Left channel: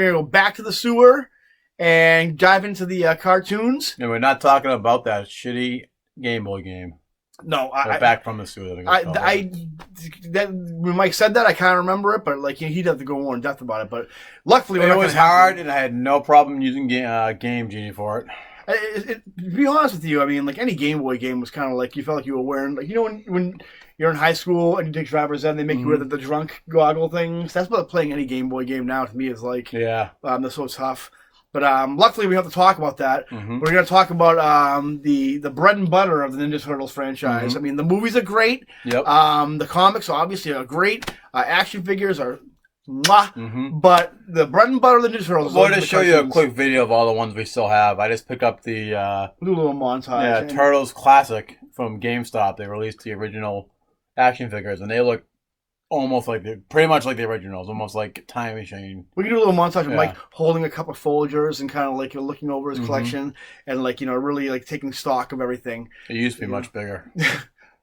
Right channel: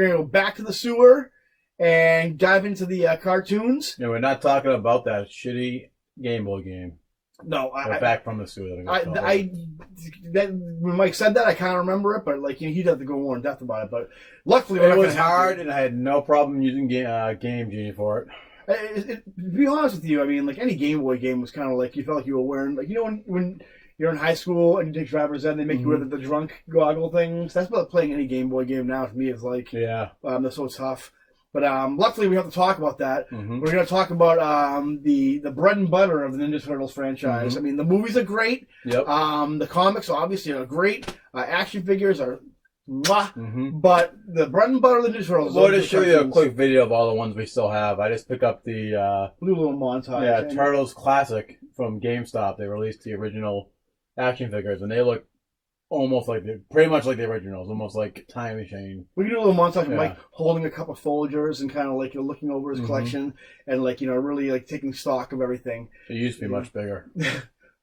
going to go back to the sewer and dive into the cartoons. Yeah, we're not talking about that shitty Game Boy game. No, Back from the sewer. When Mike said that, I kind of remember it, but like he'd have to go more in depth about it. But luckily, it was hard, and I had no problem using Game Genie for it. To be honest with you, I mean, like any Game Boy game was kind of like you felt like you were wearing, like when you're in high school and you take driver's ed, they make you wear the drunk goggle things. That's what playing any Game Boy game now to me is like. Yeah, that's so tough. But luckily, we have to talk about that. Mm-hmm. We're going to talk about the bread and butter of the Ninja Turtles franchise. Mm-hmm. I mean, the movies are great. Yep. The comics obviously are great. Action figures are mwah. Mm-hmm. But the bread and butter of the Ninja Turtles. We'll just show you a quick video of all the ones we still have. I just picked up the we'll do a little montage. Yeah, Turtles Classic from GameStop. They released the original action figures, and they look almost like pretty much like the originals, almost like Time Machine. We can do a little montage of Mike holding a cup of Folgers and kind of like looking over his collection and like really like taking stock of everything. It used to be much bigger.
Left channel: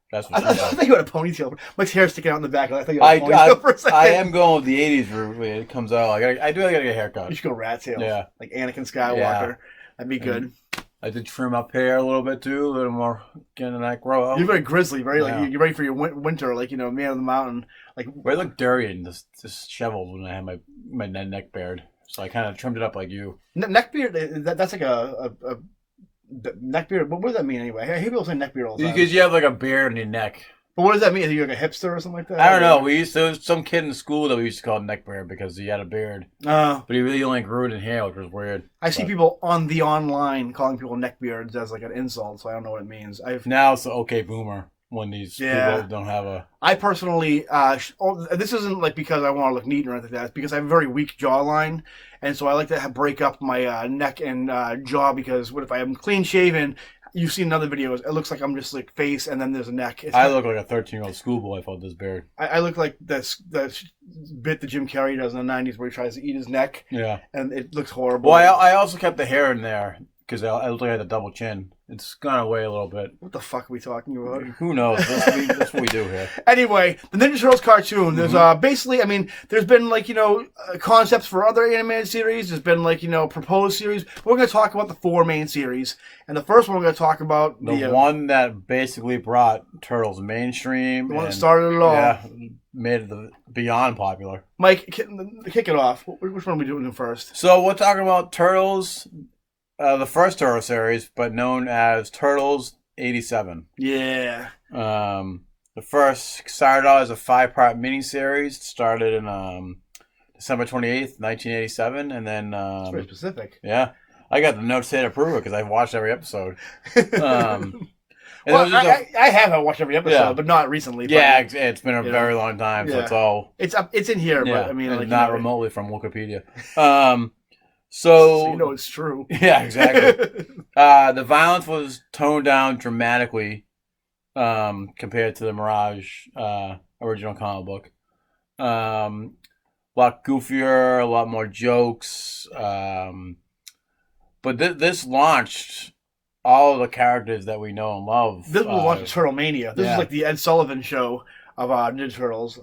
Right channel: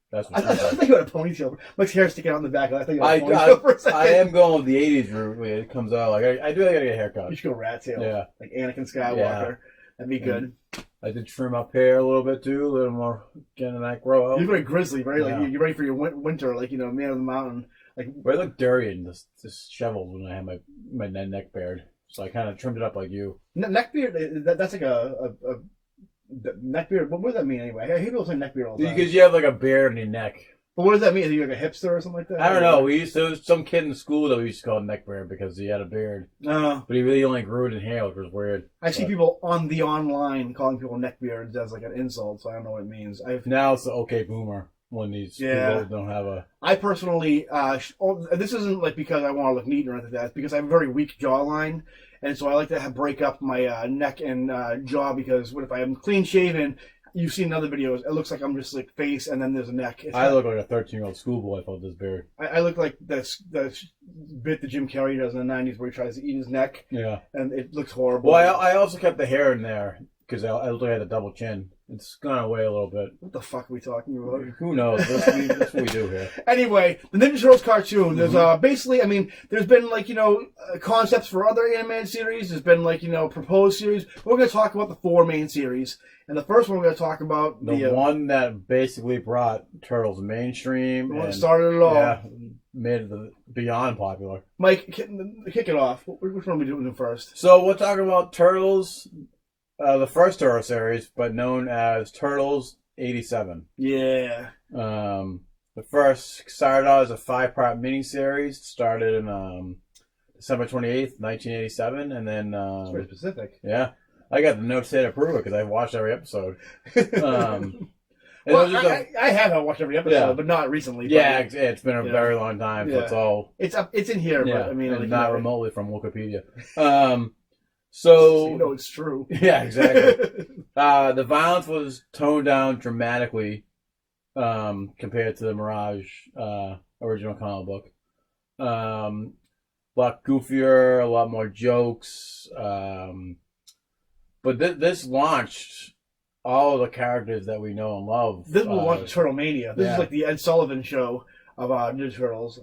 That's what I thought you had a ponytail. Mike's hair sticking out in the back. I thought you had a ponytail for a second. I am going with the '80s route when it comes out. I do gotta get a haircut. You should go rat tail. Yeah, like Anakin Skywalker. Yeah. That'd be good. I did trim up hair a little bit too, a little more getting that grow out. You're very grizzly, very like you're ready for your winter, like man of the mountain. Like I look dirty and just disheveled when I had my neck beard, so I kind of trimmed it up like you. Neck beard, that's like a neck beard. What does that mean anyway? I hear people say neck beard all the time. Because you have like a beard on your neck. But what does that mean? Are you like a hipster or something like that? I don't know. There was some kid in school that we used to call neck beard because he had a beard. But he really only grew it in hair, which was weird. I see people on the online calling people neck beards as like an insult, so I don't know what it means. Now it's the okay boomer when these people don't have a... I personally, this isn't like because I want to look neat or anything like that. It's because I have a very weak jawline. And so I like to break up my neck and jaw because what if I am clean shaven... You've seen other videos. It looks like I'm just like face, and then there's a neck. I look like a 13-year-old schoolboy with this beard. I look like that bit that Jim Carrey does in the '90s where he tries to eat his neck. Yeah, and it looks horrible. Well, I also kept the hair in there because I look like I had a double chin. It's gone away a little bit. What the fuck are we talking about? Who knows? That's what we do here. Anyway, the Ninja Turtles cartoon. There's basically, I mean, there's been like concepts for other animated series. There's been like proposed series. We're going to talk about the 4 main series, and the first one we're going to talk about the one that basically brought Turtles mainstream. The one that started it all. Yeah, made it beyond popular. Mike, kick it off. Which one are we doing first? So we're talking about Turtles. The first Turtle series, but known as Turtles 87. Yeah. The first started out as a 5-part miniseries. Started in December 28th, 1987, and then it's very specific. Yeah, I got the notes here to prove it because I watched every episode. Well, I have watched every episode, but not recently. Yeah, it's been a very long time, so it's in here, but I mean, not remotely from Wikipedia. So it's true. Yeah, exactly. The violence was toned down dramatically compared to the Mirage original comic book. A lot goofier, a lot more jokes. But this launched all of the characters that we know and love. This was launched Turtle Mania. This is like the Ed Sullivan show of Ninja Turtles.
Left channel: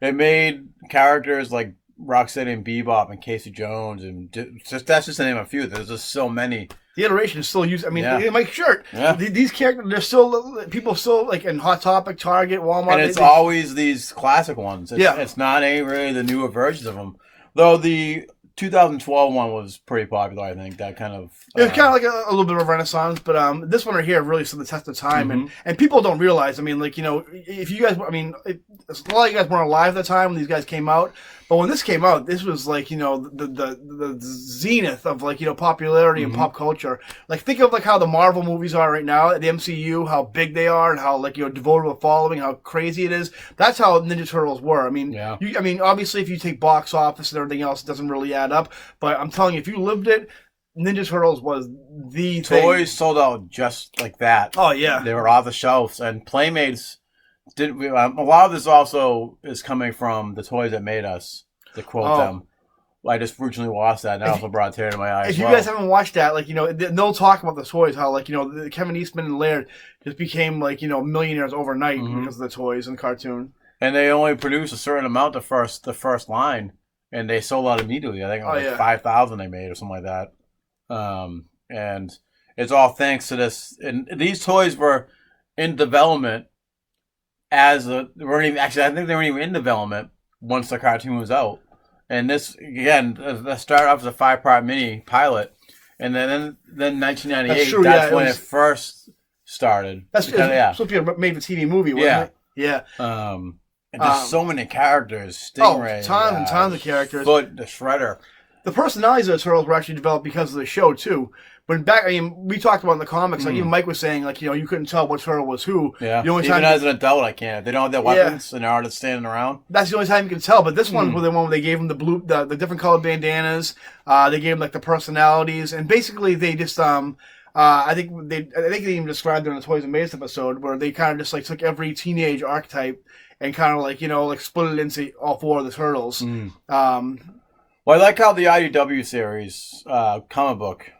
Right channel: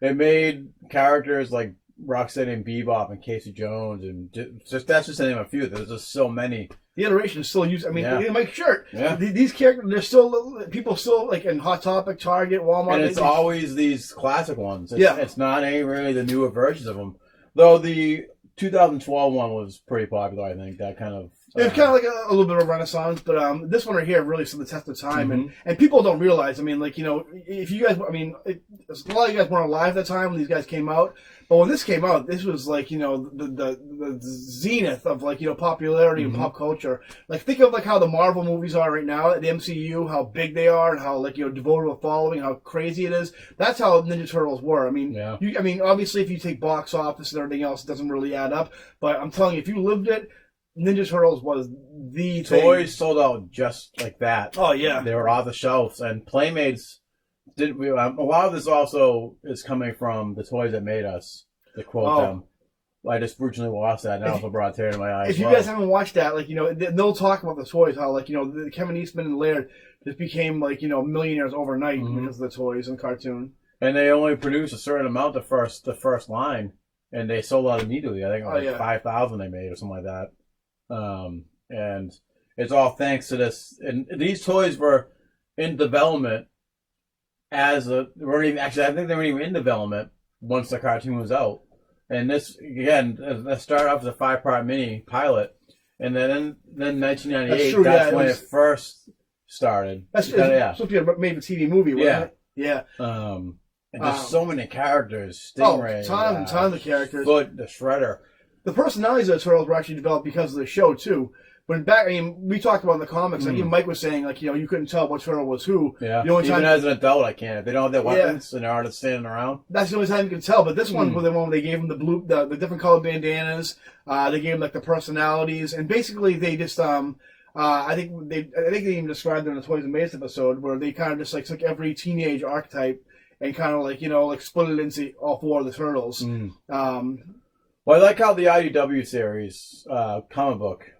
It made characters like Rocksteady and Bebop and Casey Jones and that's just the name of a few. There's just so many. The iteration is still used. I mean, Mike Shirt. Yeah. These characters, they're still people still like in Hot Topic, Target, Walmart. And it's always these classic ones. It's not really the newer versions of them. Though the 2012 one was pretty popular, I think. That kind of it was kind of like a little bit of a renaissance, but this one right here really stood the test of time, and people don't realize. I mean, like if you guys, I mean, a lot of you guys weren't alive at the time when these guys came out. But when this came out, this was like the zenith of like popularity and pop culture. Like think of like how the Marvel movies are right now, the MCU, how big they are, and how like devoted to a following, how crazy it is. That's how Ninja Turtles were. I mean, I mean, obviously, if you take box office and everything else, it doesn't really add up. But I'm telling you, if you lived it, Ninja Turtles was the toys sold out just like that. Oh yeah, they were off the shelves, and Playmates. A lot of this also is coming from the toys that made us, to quote them. I just recently watched that, and I also brought a tear to my eye. If you guys haven't watched that, like they'll talk about the toys, how like Kevin Eastman and Laird just became like millionaires overnight because of the toys and cartoon. And they only produced a certain amount the first line, and they sold out immediately. I think like 5,000 they made or something like that. And it's all thanks to this. And these toys were in development I think they weren't even in development once the cartoon was out. And this, again, started off as a 5-part mini pilot. And then 1998, that's when it first started. That's supposed to be a made-for-TV movie, wasn't it? Yeah. And there's so many characters. Stingray. Tons of characters. Foot, the Shredder. The personalities of the Turtles were actually developed because of the show, too. But we talked about in the comics, like even Mike was saying, like, you couldn't tell what turtle was who. Yeah. Even as an adult, I can't. They don't have their weapons and they're just standing around. That's the only time you can tell. But this one was the one where they gave them the different colored bandanas. They gave them like the personalities, and basically they just I think they even described it in the Toys and Maze episode where they kind of just like took every teenage archetype and kind of like split it into all 4 of the turtles. Well, I like how the IDW series comic book.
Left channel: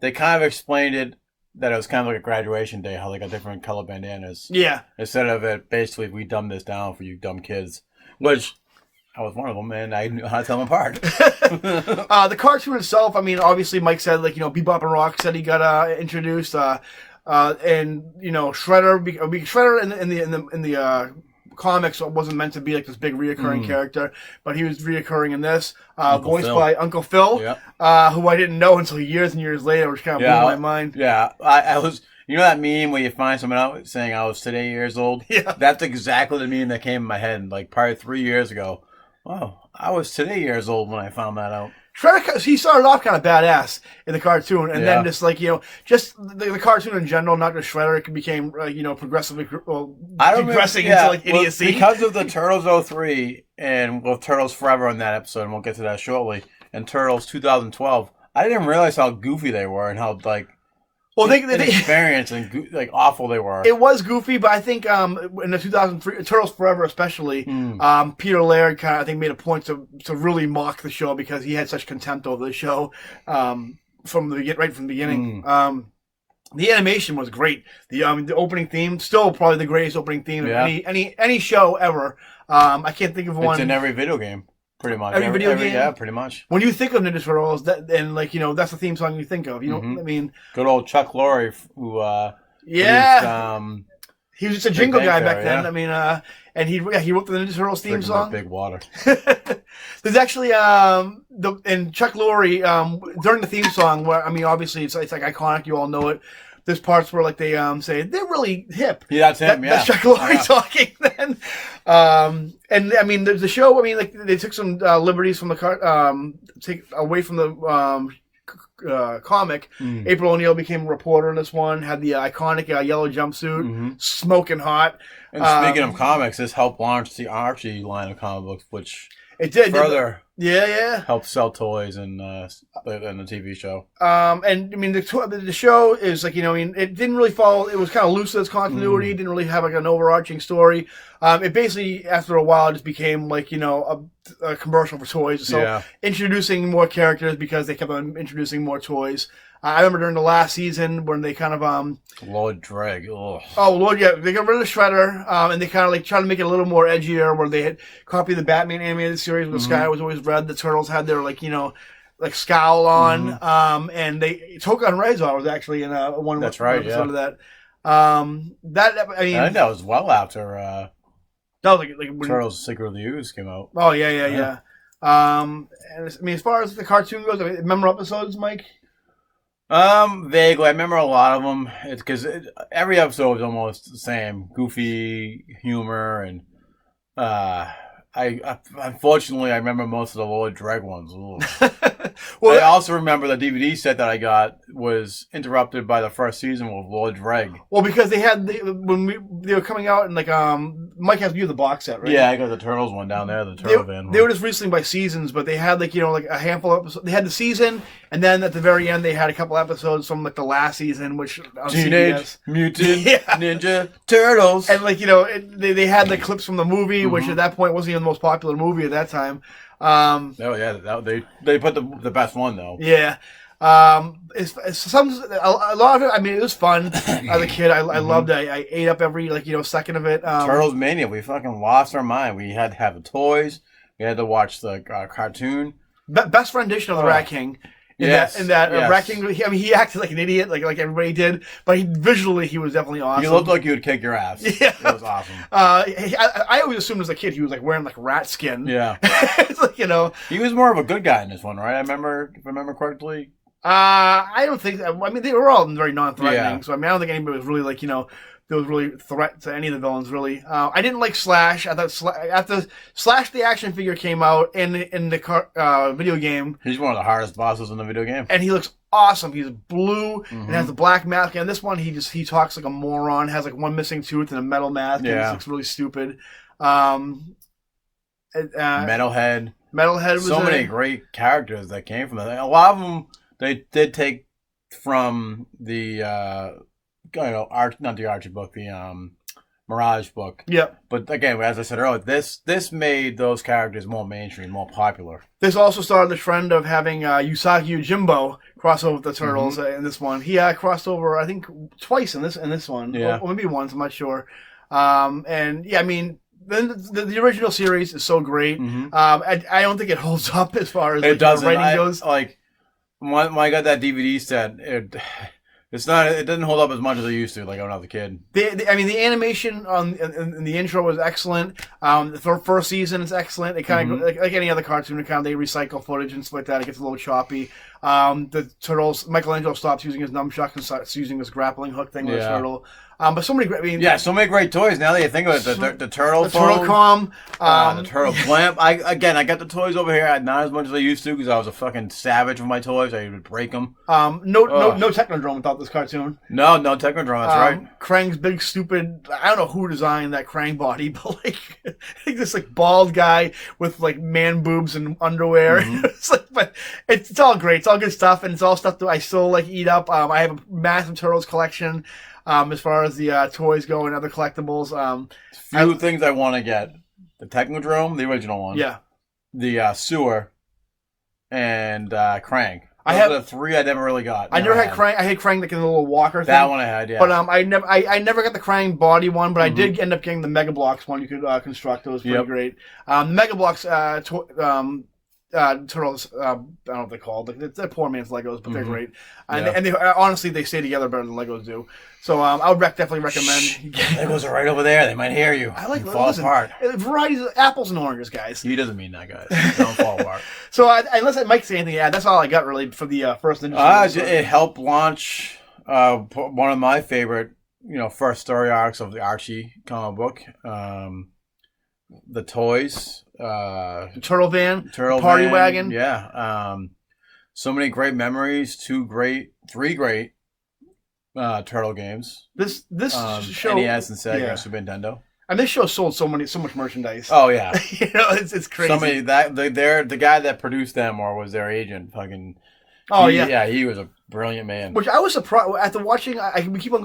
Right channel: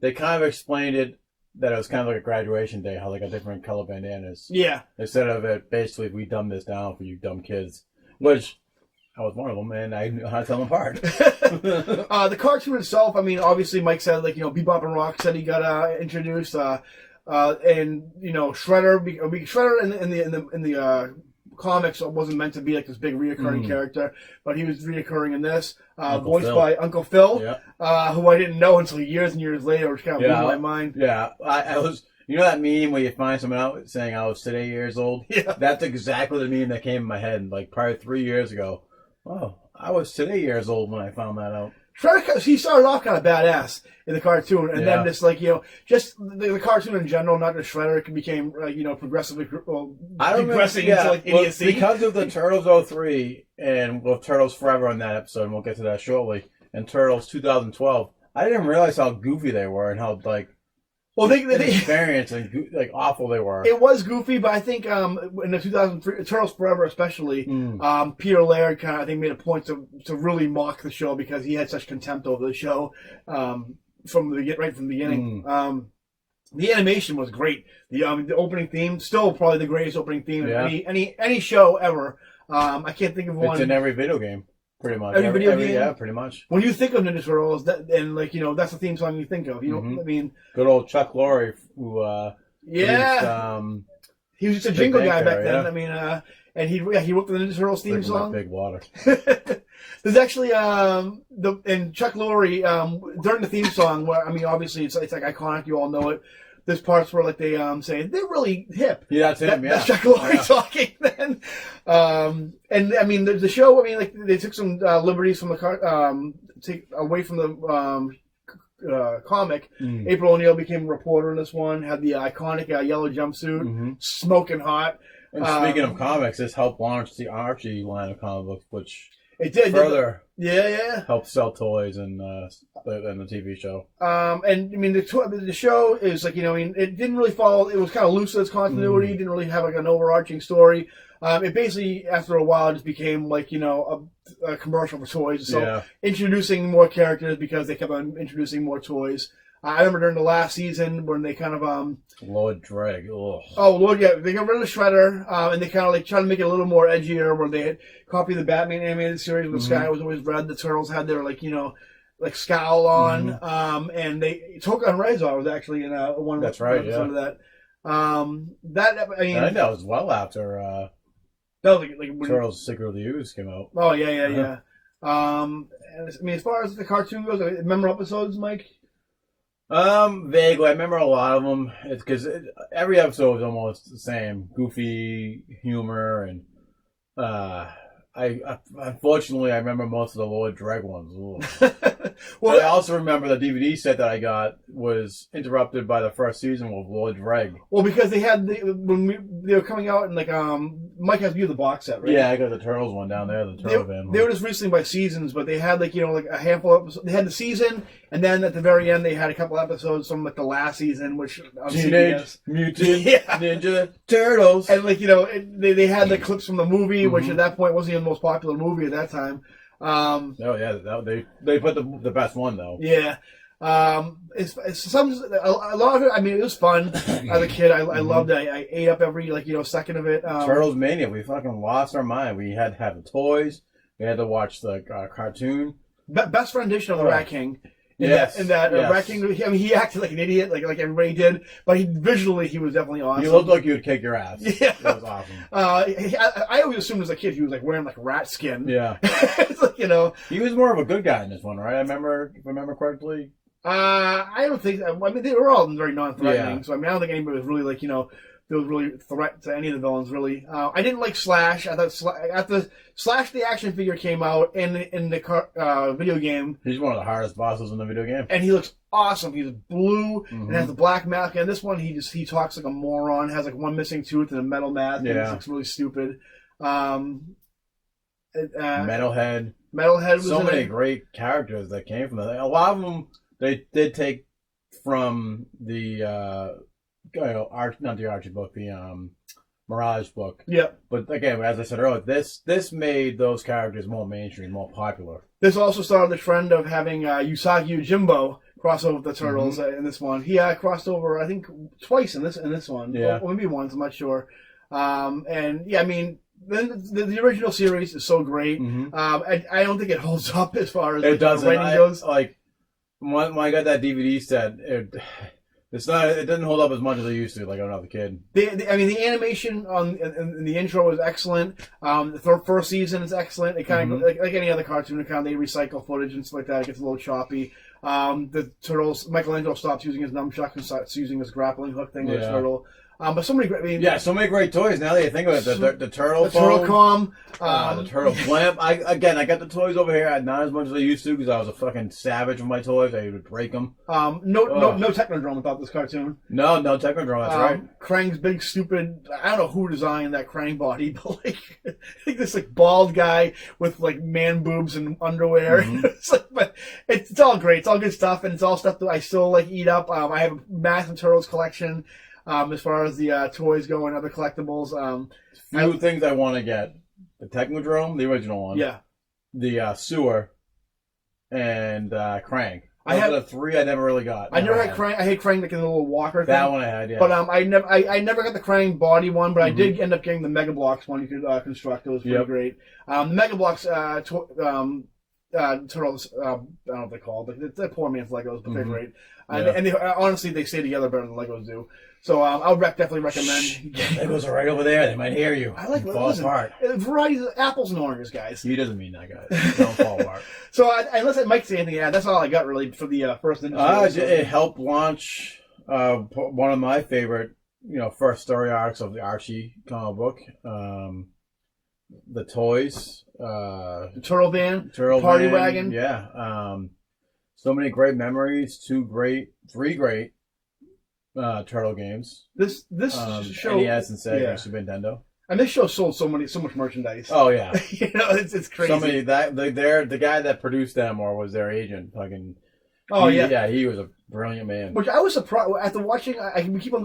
They kind of explained it that it was kind of like a graduation day, how they got different color bandanas. Yeah. Instead of it, basically, we dumbed this down for you dumb kids, which I was one of them, and I knew how to tell them apart. The cartoon itself, I mean, obviously, Mike said, like, Bebop and Rocksteady got introduced, and Shredder in the comics wasn't meant to be like this big reoccurring character, but he was reoccurring in this, voiced by Uncle Phil, who I didn't know until years and years later, which kind of blew my mind. Yeah, I was, that meme where you find someone out saying I was today years old? Yeah. That's exactly the meme that came in my head, like probably 3 years ago. Wow, I was today years old when I found that out. Shredder, he started off kind of badass in the cartoon, and then just like just the cartoon in general, not just Shredder, it became progressively depressing into like idiocy. Because of the Turtles 03 and Turtles Forever in that episode, and we'll get to that shortly, and Turtles 2012, I didn't realize how goofy they were and how like. Well, they experience and like awful they were. It was goofy, but I think in the 2003 Turtles Forever, especially, Peter Laird kind of I think made a point to really mock the show because he had such contempt over the show right from the beginning. The animation was great. The opening theme still probably the greatest opening theme of any show ever. I can't think of one. It's in every video game. Pretty much. Every video game? Yeah, pretty much. When you think of Ninja Turtles, that's the theme song you think of. I mean... Good old Chuck Lorre, who... he was just a jingle guy back then. Yeah. I mean, and he wrote the Ninja Turtles theme song. Big water. There's actually, and Chuck Lorre, during the theme song, where, I mean, obviously it's like iconic, you all know it. There's parts where like they say they're really hip. Yeah, that's him. That's Chuck Lorre talking then. And I mean the show. I mean like they took some liberties from the take away from the comic. April O'Neil became a reporter in this one. Had the iconic yellow jumpsuit, smoking hot. And speaking of comics, this helped launch the Archie line of comic books, which it did further. Yeah. Helped sell toys and the TV show. And I mean the show is like it didn't really follow. It was kind of loose in its continuity. Didn't really have like an overarching story. It basically after a while just became like a commercial for toys. So introducing more characters because they kept on introducing more toys. I remember during the last season when they kind of Lord Dreg. Oh Lord, yeah, they got rid of Shredder, and they kind of like tried to make it a little more edgier. Where they had copied the Batman animated series where the sky was always red. The Turtles had their like scowl on, and Toka and Razor was actually in one episode of that. That I mean, I think that was well after that was like when Turtles: Secret of the Ooze came out. Oh yeah. And I mean, as far as the cartoon goes, remember episodes, Mike? Vaguely. I remember a lot of them. It's because every episode was almost the same. Goofy humor and, I unfortunately I remember most of the Lord Dreg ones. Well, I also remember the DVD set that I got was interrupted by the first season with Lord Dreg. Well, because they had they were coming out and like Mike has viewed the box set, right? Yeah, I got the Turtles one down there, the Turtle van. They were just recently by seasons, but they had like like a handful of episodes. They had the season, and then at the very end they had a couple episodes from like the last season, which on Teenage Mutant Ninja Turtles, and like they had the clips from the movie, which at that point wasn't even the most popular movie at that time. They put the best one though. Yeah. It's a lot of it. I mean, it was fun as a kid. I loved it. I ate up every second of it. Turtles Mania, we fucking lost our mind. We had to have the toys. We had to watch the cartoon. Best rendition of the Rat King. Yes. Rat King, I mean, he acted like an idiot, like everybody did, but visually he was definitely awesome. He looked like he would kick your ass. Yeah. It was awesome. I always assumed as a kid he was like wearing like rat skin. Yeah. It's like, you know. He was more of a good guy in this one, right? If I remember correctly. I don't think, I mean, they were all very non-threatening, so I mean, I don't think anybody was really like, you know, there was really a threat to any of the villains, really. I didn't like Slash. I thought after Slash the action figure came out in the video game. He's one of the hardest bosses in the video game. And he looks awesome. He's blue and has a black mask. And this one, he talks like a moron, has like one missing tooth and a metal mask. Yeah. And he looks really stupid. Metalhead. Metalhead was so many great characters that came from that. A lot of them they did take from the not the Archie book, the Mirage book. Yep. But again, as I said earlier, this made those characters more mainstream, more popular. This also started the trend of having Usagi Yojimbo cross over with the Turtles in this one. He crossed over, I think, twice in this one. Yeah. Or maybe once, I'm not sure. And yeah, I mean, the original series is so great. I don't think it holds up as far as it doesn't. writing goes. Like when I got that DVD set, it didn't hold up as much as it used to, like when I was a kid. I mean, the animation in the intro was excellent. The first season is excellent. It kind of like any other cartoon account, they recycle footage and stuff like that. It gets a little choppy. The Turtles, Michelangelo stops using his nunchuck and starts using his grappling hook thing with his turtle. But so many, I mean, so many great toys. Now that you think of it, the turtle, Turtle Com, the turtle blimp. I got the toys over here, not as much as I used to because I was a fucking savage with my toys. I would break them. No Technodrome without this cartoon. No Technodrome. That's right. Krang's big stupid. I don't know who designed that Krang body, but like this like bald guy with like man boobs and underwear. It's like, but it's all great. It's all good stuff, and it's all stuff that I still like eat up. I have a massive Turtles collection. As far as the toys go and other collectibles, few things I want to get: the Technodrome, the original one, the sewer, and Krang. Those are the three I never really got. I never had Krang. I had Krang like in the little walker thing. That one I had, yeah. But I never got the Krang body one. But I did end up getting the Mega Bloks one. You could construct those pretty great. The Mega Bloks Turtles, I don't know what they're called. They're poor man's Legos, but they're great. And they, honestly, they stay together better than Legos do. So I would definitely recommend. Legos are right over there. They might hear you. I like fall apart. Varieties of apples and oranges, guys. He doesn't mean that, guys. Don't fall apart. So unless Mike say anything, that's all I got really for the first Ninja. It helped launch one of my favorite, first story arcs of the Archie comic book. The toys. Turtle Van. Party Wagon. Yeah. So many great memories. Three great Turtle games. This show, NES and Sega and Super Nintendo. And this show sold so much merchandise. Oh yeah, it's crazy. So many the guy that produced them or was their agent. Fucking. He was a brilliant man. Which I was surprised after watching. We keep on.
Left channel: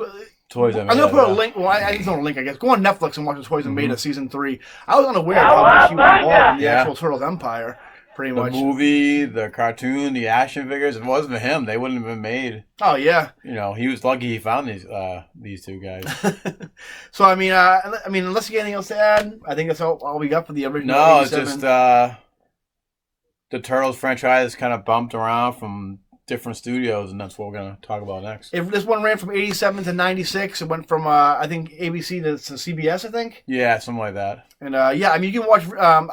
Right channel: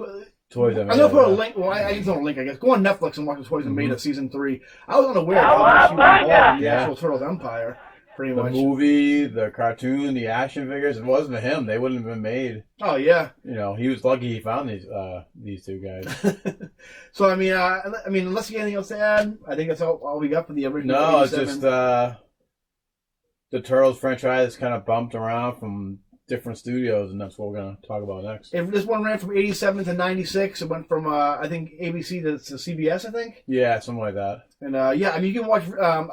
Toys. I'm gonna put a link. Well, I didn't know a link. I guess go on Netflix and watch the Toys and Beta season 3. I was unaware of how much he was involved in the actual Turtles empire. Pretty much. The movie, the cartoon, the action figures. If it wasn't for him, they wouldn't have been made. Oh yeah. He was lucky he found these two guys. So I mean, unless you get anything else to add, I think that's all we got for the original. No, 87. it's just the Turtles franchise kind of bumped around from different studios, and that's what we're going to talk about next. This one ran from 87 to 96. It went from I think ABC to CBS, I think. Yeah, something like that. And you can watch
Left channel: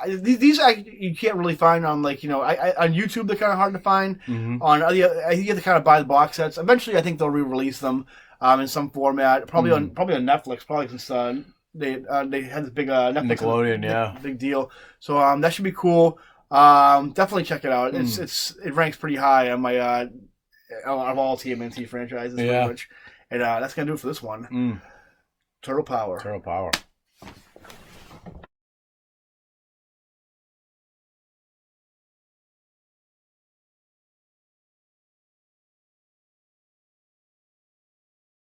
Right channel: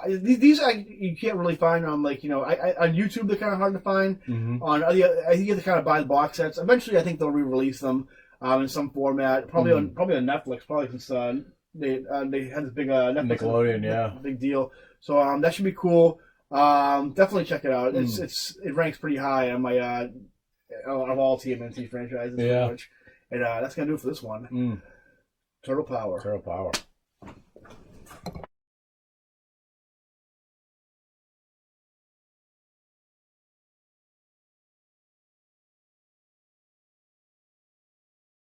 these. You can't really find on on YouTube. They're kind of hard to find. On I think you have to kind of buy the box sets. Eventually, I think they'll re-release them in some format. Probably on Netflix. Probably since they had this big Netflix Nickelodeon, big deal. So that should be cool. Definitely check it out. It ranks pretty high on my of all TMNT franchises, pretty much. And that's gonna do it for this one. Turtle Power.